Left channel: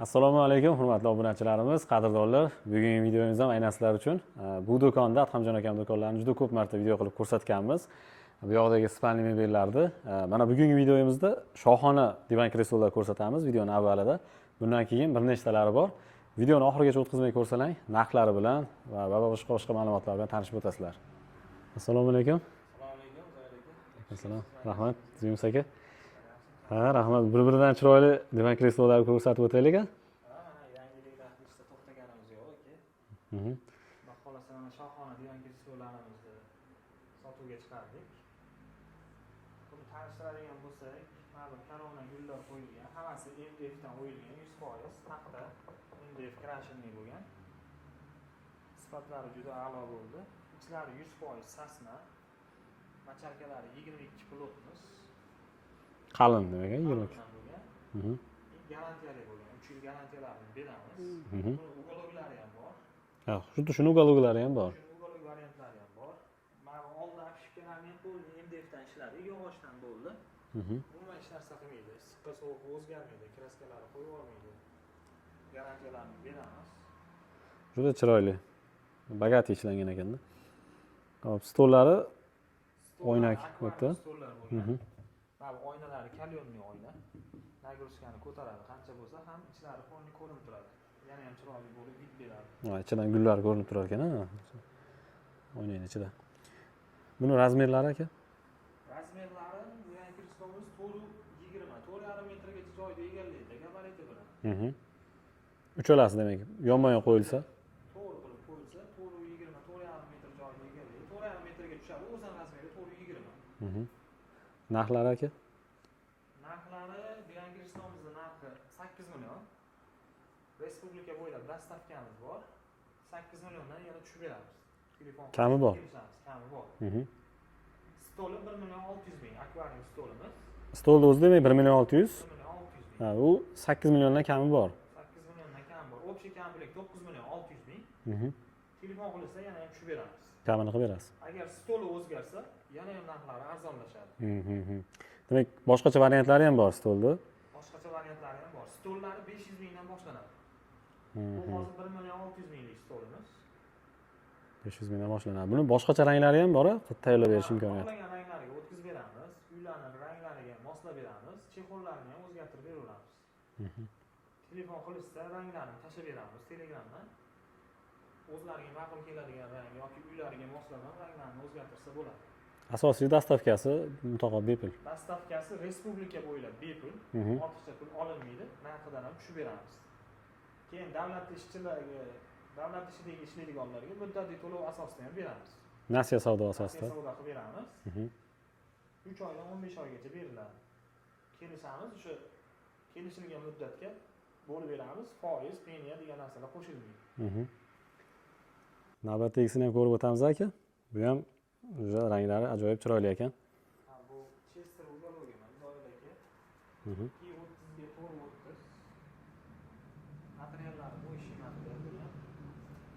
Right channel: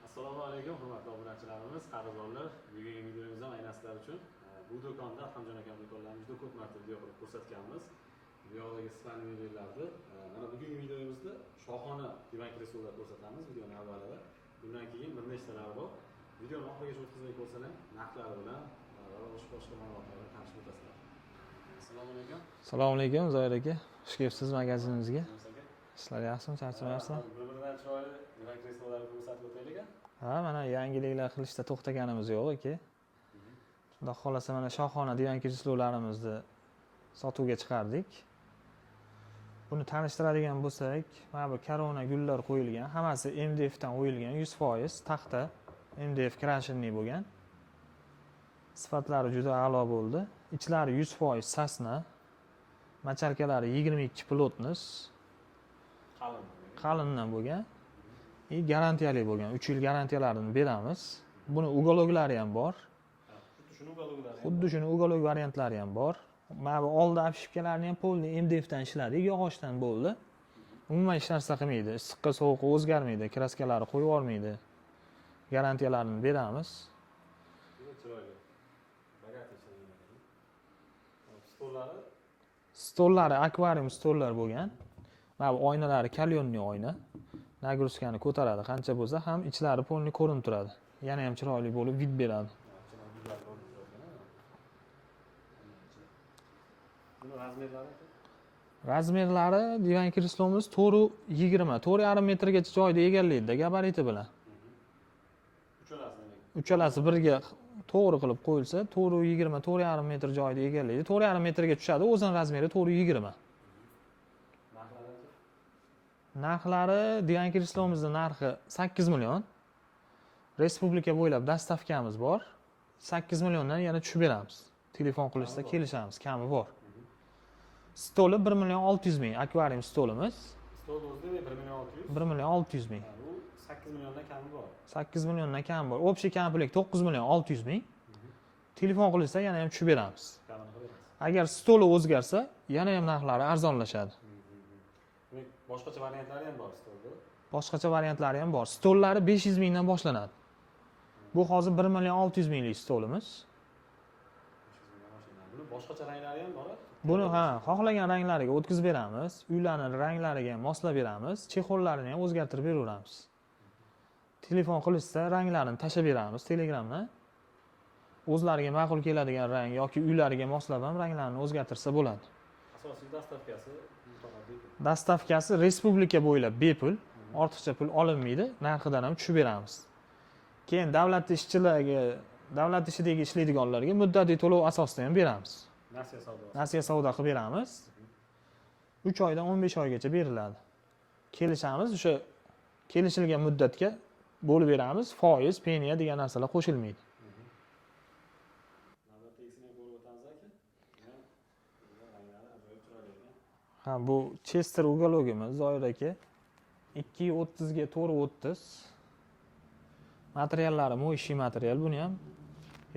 Assalomu alaykum, hurmatli obunachilarimiz, qadrdonlar. Bugungi videomiz ham aynan sizlar uchun. Bu do'konda Adhamjon akam do'konlarini juda ko'p marta video qilib ko'rsatganmiz. Bu yoqdagi spalni mebellarni. Mana bugungi videomizda shohona divan kreslolar ko'rsatamiz videoning avvalida. Bundan keyin bir nechtalari bor. Videoni oxirigacha o'tkazmay ko'rsalang, narxlari bilan va boshqa ma'lumotlar bilan tanishib o'tasizlar. Assalomu alaykum. Assalomu alaykum Zoir aka. Xush kelibsiz magazinimizga. Ziymus aka. Ishlar yaxshimi? Ha, rahmat. Bir-biridan chiroyli divan kreslolarni ko'rsatib o'taylik. Ha, mana yangiliklar qilishda to'xtaganimiz yo'q aka. Xudo xolasa mana shohona divan kreslolarimizni sotuvga chiqardik. Buni tanishtiradigan bo'lsak, mana bu korona gullar qo'yilgan, hammasi MDF dan qo'yilgan, 100% taxta MDF krashinli bo'lgan. Sifatlari juda a'lo bo'ldi. Ichlari 100% sasna. Macharkalari 22 plotnos. Qalin demak. Qalindan bo'lgan. Garantiyali bo'lgan. 3 yil garantiyalarini beramiz. Buni ugologlari ham bor. Ha, xuddi shuni ugologlari ham bor. Xuddi shuni ugolog variantlari ham bor. Mana bu oldi apshipkalarini ham polni MDF dan ishladik, yog'ochdan bo'ldi. Umuman hech narsa qilmaydi. Issiqqa sovuqqa o'zgarmaydi, kraskalari qo'yib yubormaydi. Garantiyalarini beramiz. Juda chiroyli. Bagati ishlangan ekanda. Hop, stollari akvarium stollar bo'lgan. Mana bu oynalari kalyonli oyna. Nagruskani ko'taradi, qancha bo'lsa ham ichlari polni ko'rinib turadi. Yana ham chiroyli bo'lib vid beradi. Ha, ichidan gullar ko'rinib turar ekan, ha. Oynaning ichida. Buni razmerlari aka? Razmerlari divan kreslomiz 4.20, 4.5 metrgacha joyda egallaydi gabariti bilan. Uchalasi demak. Uchalasi birga to'g'ri qilib qo'yilsa, 4.20, 4.5 metr joyda egallaydi. 4.5 metrga tushadi, o'zining razmeri 4.20. Narxlari aka? Narxlari divan kreslomizning narxi 8 million. Respublika bo'ylab dastavkamiz bor. 8 milliondan yana tushib beramiz. Telefon qilishsa kelishamiz, kami bor. Stoli 1 million 600 ming akvarium stolimiz. Stolni o'zi demak 1 million 600. 1 million 600 ming. Ha, u 8 milliondan kami bor. 8 milliondan kami bor. Общий komplet 9 million 600 ming. Telefon qilishsa yana ham tushib beramiz. Kamini qilib berasiz. Agar stoli o'zgarsa, yana ham narxlari arzonlashadi. Demak, boshqacha variantlari ham bor stolda. Boshqacha variantlari ham bor. Stollari 500 mingdan boshlanadi. Bu hozir 1 million 600 minglik stolimiz. 500 mingdan boshlanadi. Buni boshqacha ranglari ham bor-a? Tayyorlash imkoni. Xohlagan ranglariga o'tkazib beramiz. Uylarning ranglariga ham moslab beramiz. Chexollarini ham o'zgartirib beraveramiz. Telefon qilishsa, ranglarini tashab beramiz Telegramdan. O'zlariga ma'qul keladigan rang yoki uylariga moslab ham ranglarini o'zgartirsa bo'ladi. Asosiy dastavkasi mutlaqo bepul. Dastavkasi respublika bo'ylab bepul. Ortiqcha pul olinmaydi. Narxidan ham tushib beramiz. Keyin davlat ishidagi ishlaydiganlarga muddatiy to'lov asosida ham beramiz. Nasiya savdo asosida. Nasiya savdo qilib beramiz. 3 oydan 15 oygacha beriladi. Kelishamiz, o'sha kelishilgan muddatga bo'lib beramiz. Foiz, peniya degan narsalar qo'shilmaydi. Navbatdagisini ham ko'rib o'tamiz aka. Bu ham ranglari ajoyib chiroyli ekan. Ha, bu Chester ugologimiz Zoir aka. 230 ga 430. Materiallari mo'yshiy material, buni ham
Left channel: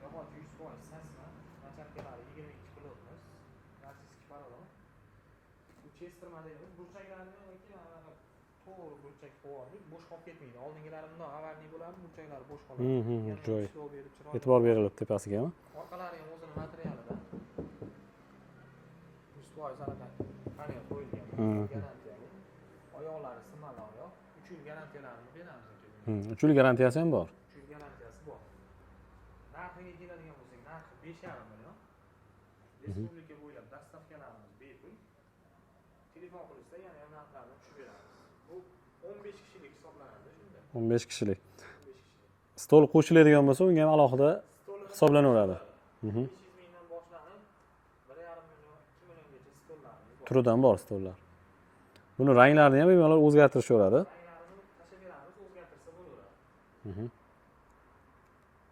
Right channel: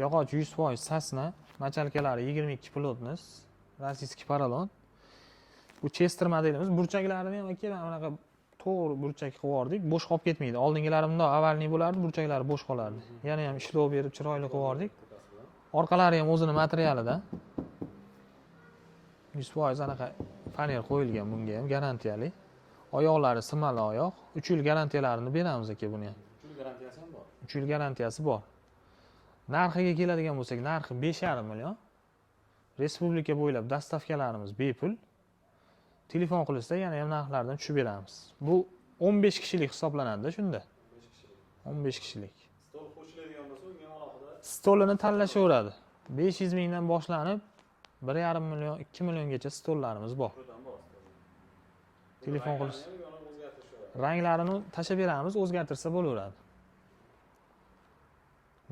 yog'och 100% sasna, machalkalari 22 plotnos, rossiyskiy porolon. Bu Chester modelimiz, burchaklarini ham aka mana bunaqa to'g'ri burchak qilib yubordik, bo'sh qolib ketmaydi. Oldingilari bundoq avvalni bo'lardi, burchaklari bo'sh qolardi. Yana ham ishlov berib chiroyli qilib yubordik. Tepasiga. Orqalari ham o'zining materialidan 100% anaqa paner qo'yilgan, bunga ham garantiyali. Oyoqlari simali oyoq. 3 yil garantiyalarini beramiz aka buni ham. 3 yil garantiyasi ham bor. 3 yil garantiyasi bor. Narxiga keladigan bo'lsak, narxi 5,5 million. Respublika bo'ylab dastavkalarimiz bepul. Telefon qilishsa, yana ham narxlardan tushib beramiz. Bu 15 kishilik hisoblanadi shunda. 15 kishilik. 15 kishilik. Stol qo'shiladigan bo'lsa, unga ham alohida stolini tanlashaveradi. 500 mingdan boshlanib 1,5 million, 2 milliongacha stollarimiz bor. Turidan bor stollar. Buni ranglarini ham bemalol o'zgartirishaveradi. Ranglarini tashab beramiz, o'zgartirsa bo'laveradi.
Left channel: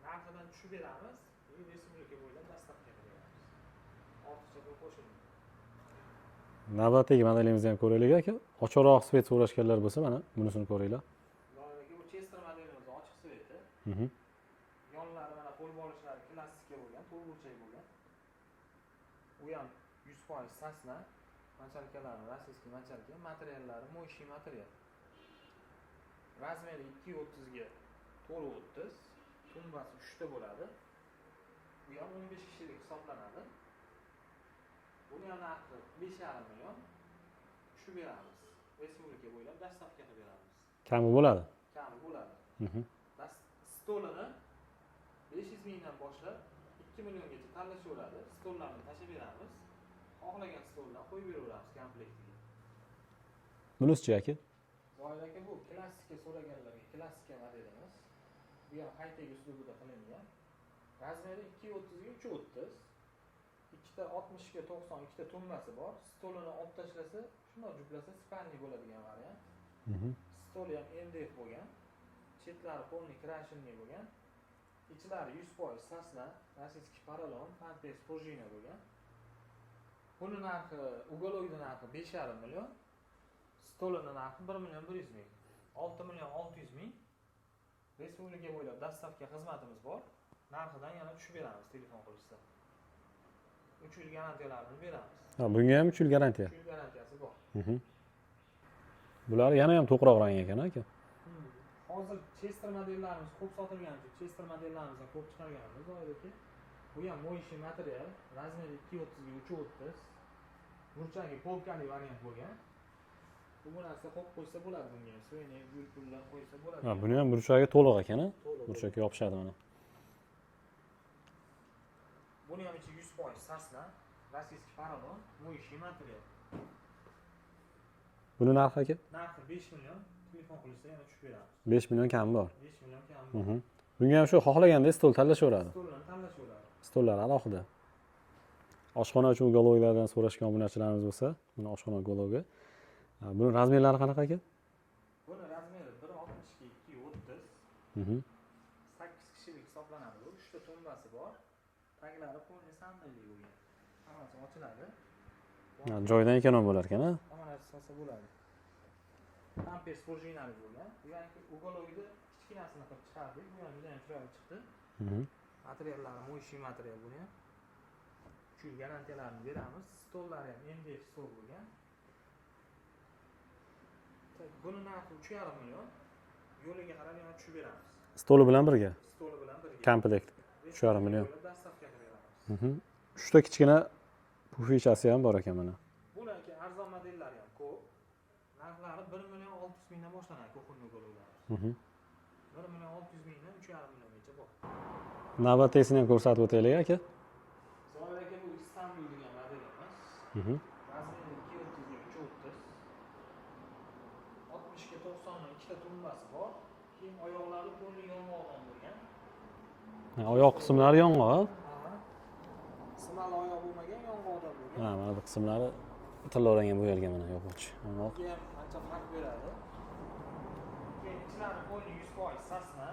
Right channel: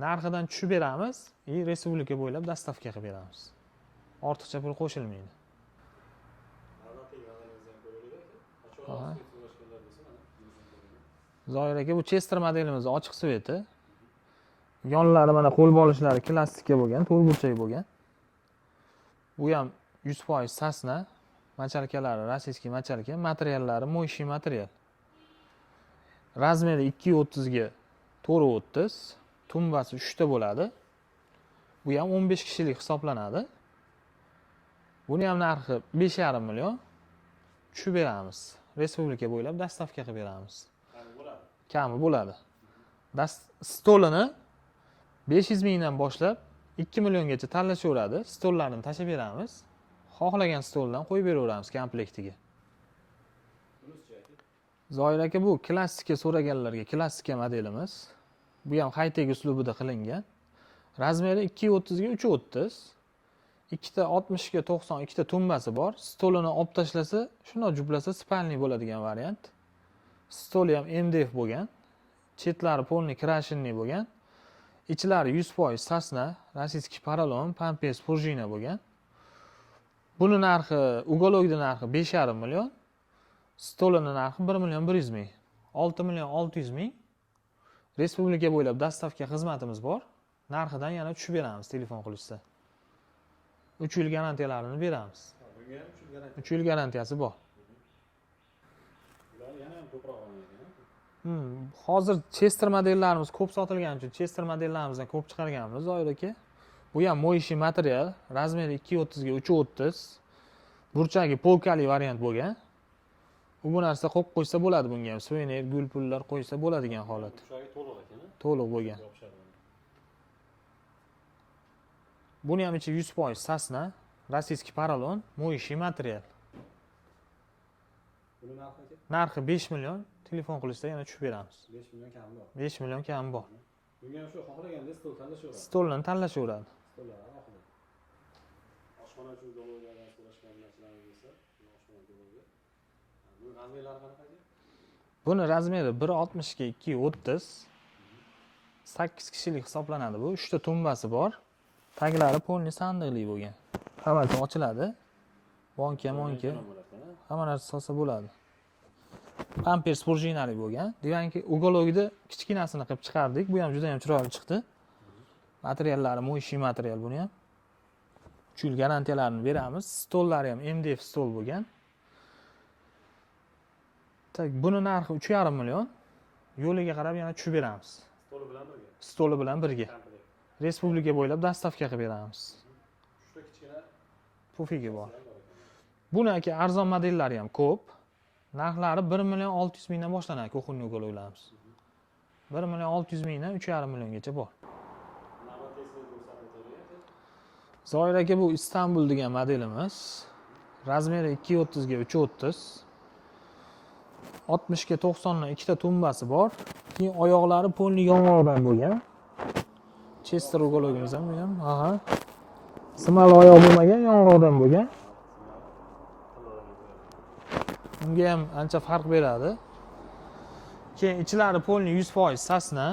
Narxidan tushib beramiz, respublika bo'ylab dastavka qilib beramiz. Ortiqcha pul qo'shilmaydi. Navbatdagi modelimizni ham ko'raylik aka. Ochiqroq svet so'rashganlar bo'lsa, mana bunisini ko'ringlar. Zoir aka, bu Chester modelimiz ochiq sveti. Yonlari mana qo'l bolishlari klassika bo'lgan, to'rt burchak bo'lgan. Bu ham 100% sasna. Machalkalari rossiyskiy machalka, materiallari mo'yshiy material. Razmeri 230 ga 430, tumbasi 3 ta bo'ladi. Bu ham 15 kishilik hisoblanadi. Buni ham narxi 5,5 million. Tushib beramiz. Respublika bo'ylab dastavka qilib beramiz. Kami bo'ladi. Kami bo'ladi. Stolini 500 mingdan boshlab 2 milliongacha tanlashaveradi. Stollarni tashib beramiz. Xohlagan stoldan qo'yib beraveramiz komplektiga. Bunisi-chi aka? Zoir aka, bu klassika so'raganlarga klassika modelimiz. Bu ham high-tech uslubida qilingan. Razmeri 230 ga 330. Ikkita 60 ga 90, ikkita tumbasi bor. Stolini olib tashlasa, shunday juplasa spalniy bo'ladigan variant. Stoli ham MDF bo'lgan. Chetlari polniy krashinniy bo'lgan. Ichlari 100% sasna, rossiyskiy porolon, pampers, prujina bo'lgan. Buni narxi, ugologida narxi 5,5 million. Stolini narxi 1 million 100 ming. 6 million 600 ming. Respublika bo'ylab dastavka xizmatimiz bor. Narxidan yana tushib beramiz telefon qilishsa. 3 yil garantiyalarini beramiz. Ha, bunga ham 3 yil garantiya. 3 yil garantiyasi bor. Bular yana ham to'qroq rang ekan aka. Hozir Chester modellarimiz ko'p sotilgani uchun Chester modellarimizdan ko'p chiqarganmiz, Zoir aka. Bu ham moyishi material, razmeri 230 ga 330. Burchagi polkali variant bo'lgan. Bu narsa qo'yib qo'ysa bo'ladi bunga ham. Suvenir, gul pullar qo'ysa bo'ladigan. Buni ham burchagi to'liq ekan, to'liq bo'lgan. Yopishadi mana. Buni ham ichi 100% sasna, rossiyskiy porolon, moyishi material. Buni narxi aka? Narxi 5 million. Telefon qilishda yana tushib beramiz. 5 million kami bor. 5 million kami bor. Bunga ham shu xohlaganda stol tanlashaveradi. Stolni tanlashaveradi. Stollar alohida. Oshxona uchun ugolovlardan so'rashgan obunachilarimiz bo'lsa, mana oshxona ugolovi. Buni razmerlari qanaqa aka? Buni razmeri 1.60 ga 2.30. 8 kishilik hisoblanadi bu. 3 ta tumbasi bor. Taglari polniy sandiqli bo'lgan. Hammasi ochiladi. Joydan ekonom bo'lar ekan, ha? Hamma narsa solsa bo'ladi. Pampers prujinali bo'lgan. Deganki, ugologida kichkinasini qilib chiqardik. Bu ham juda ham chiroyli chiqdi. Materiallari moyishi material buni ham. 3 yil garantiyalarini beramiz. Stollari ham MDF stol bo'lgan. Buni narxi 3,5 million. Yo'liga qarab yana tushib beramiz. Stoli bilan birga. Stoli bilan birga. Komplekt. Respublika bo'ylab dastavka qilib beramiz. 3 ta kichkina pufishasi ham bor ekan mana. Buni aka arzon modellari ham ko'p. Narxlari 1 million 600 mingdan boshlanadi kuxunniy ugologlarimiz. 1 million 600 mingdan 3,5 milliongacha bor. Navbatdagisini ham ko'rsatib o'taylik aka. Zoir aka, bu Istanbul degan modelimiz. Razmeri 230 ga 330. 60 ga 90 dan ikkita tumbasi bor. Keyin oyoqlari polniy yong'oqdan bo'lgan. Oyoq qismlari yong'oq. Aha. Simali oyoq bo'lmagan, yong'oqdan bo'lgan. Ha, bu qismlari tillorangan bo'yalgan mana yo'q. Bunga ham ancha farq beradi. Keyin ichlari polniy 100% sasna,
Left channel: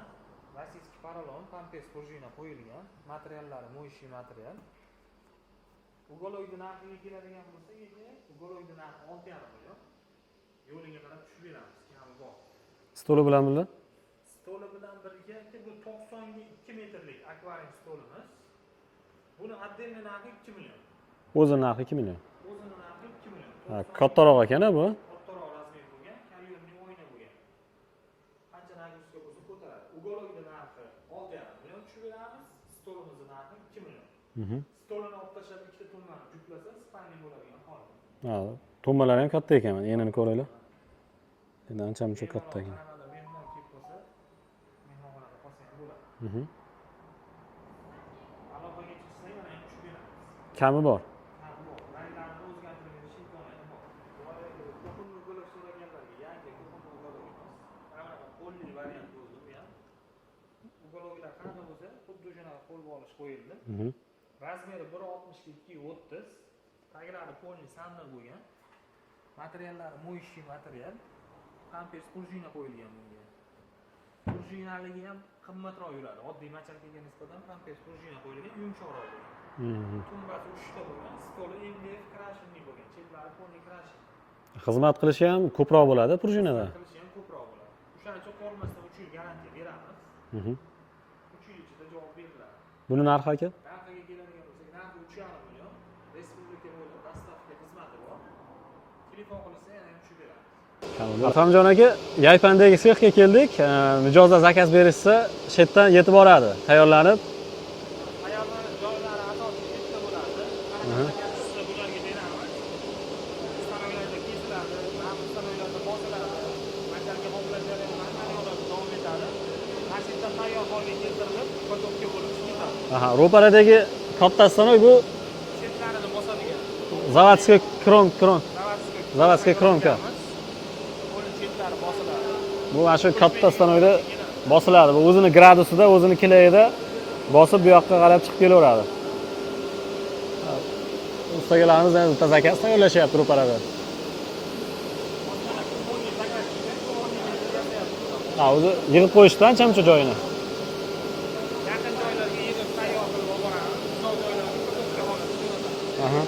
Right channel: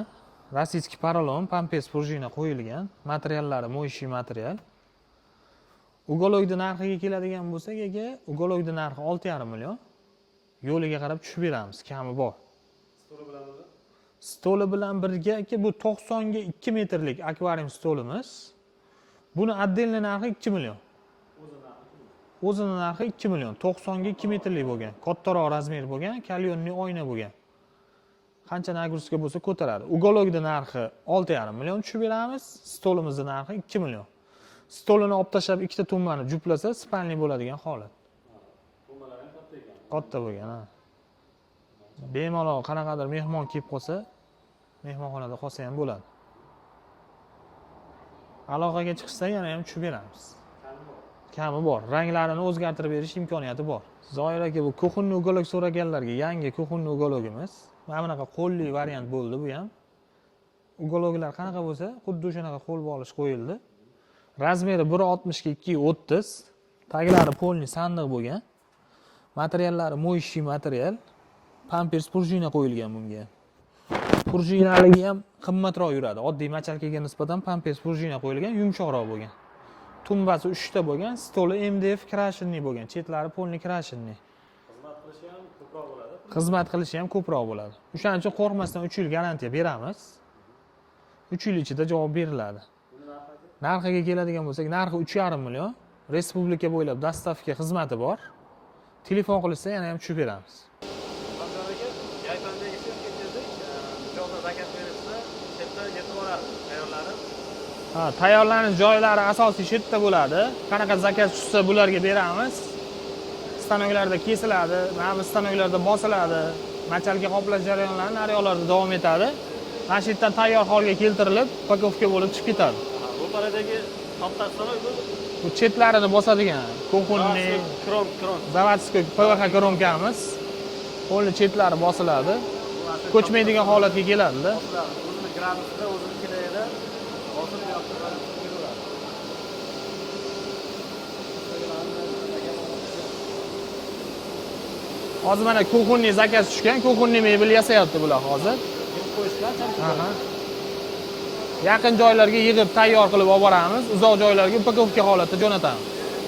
rossiyskiy porolon, pampers prujina qo'yilgan. Materiallari moyishi material. Ugologida narxiga keladigan bo'lsak, aka, ugologida narxi 6,5 million. Yo'liga qarab tushib beramiz, kami bor. Stoli bilan birga? Stoli bilan birga aka, bu 90 ga 2 metrlik akvarium stolimiz. Buni отдельный narxi 2 million. O'zi narxi 2 million. O'zini narxi 2 million. 90 ga 2 kattaroq metrlik ekan bu. bo'lgan. Kattaroq razmer bo'lgan, kalyonniy oyna bo'lgan. Qancha nagruska bo'lsa ko'taradi. Ugologida narxi 6,5 million tushib beramiz. Stolimizning narxi 2 million. Stolini olib tashlab ikkita tumbani juplasa, spalniy bo'ladigan holat. Ha, tumbalari ham katta ekan mana, yana ko'raylik. Endi ancha-muncha. Bemalol qanaqadir mehmon kelib qolsa, mehmonxonada qolsa ham bo'ladi. Aloqaga chiqsa yana ham tushib beramiz. Kami bor. Kami bor. Ranglarini o'zgartirib berish imkoniyati bor. Zoir aka, bu kuxunniy ugolog so'raganlarga yangi kuxunniy ugologimiz. Mana bunaqa qo'lli variant bo'ldi bu ham. Ugologlar qanaqa bo'lsa, xuddi o'shanaqa qo'l bog'lish qo'yildi. Razmeri 1.60 ga 2.30. Taglari polniy sandiq bo'lgan. Materiallari moyishi material. Pampers prujina qo'yilgan bunga. Prujinaligi ham qimmatroq yuradi. Oddiy machalkaga nisbatan pampers prujina qo'yilgan, yumshoqroq bo'lgan. Tumbasi 3 ta bo'lgan, stoli MDF krashinniy bo'lgan, chetlari polniy krashinniy. Xizmat qilishi ham ko'proq bo'ladi, prujina. Xizmat qilishi ham ko'proq bo'ladi. O'shaning uchun qo'rqmasdan 3 yil garantiya beramiz. 3 yil ichida javob beriladi. Buni narxi aka? Narxiga keladigan bo'lsak, narxi 3,5 million. Respublika bo'ylab dastavka xizmati bor. telefon qilishsa yana ham tushib beramiz. Akramjon aka, Yaypandagi sexga keldik. Mijozlar zakaz berishsa, shu yerdan yetib boradi, tayyorlanib. Ha, tayyorlanish joylari asosiy shu yerda bo'ladi. Qanaqa zakaz tushsa bularga beramiz. Stanoklarda kesiladi, mana stanoklarda bosiladi. Machalga qoplash jarayonlari naryoqlarda davom etadi. Mana shu yerdan tayyor holga keltirilib, pakovka bo'lib chiqib ketadi. Aha, ro'paradagi katta stanok bu Bu chetlarini bosadigan. zavodskiy kron. Zavodskiy Zavodskiy kronkamiz. Qo'lni chetlari bosiladi. Bu mana shu katta Ko'chmaydigan holatga stanokda keladi-da. bosiladi. Bu o'zini gradusida, o'zini kilayida bosib bu yoqqa qarab chiqib kelaveradi. Ustagalarimiz yana bitta zakaz tayyorlashyapti ro'parada. Hozir mana kuxunniy zakaz tushgan, kuxunniy mebel yasayapti bular Ha, hozir. o'zi yig'ib qo'yishdan chamcha joyini. Yaqin joylarga yig'ib tayyor qilib olib boramiz, uzoq joylarga pakovka holatda jo'natamiz. Aha.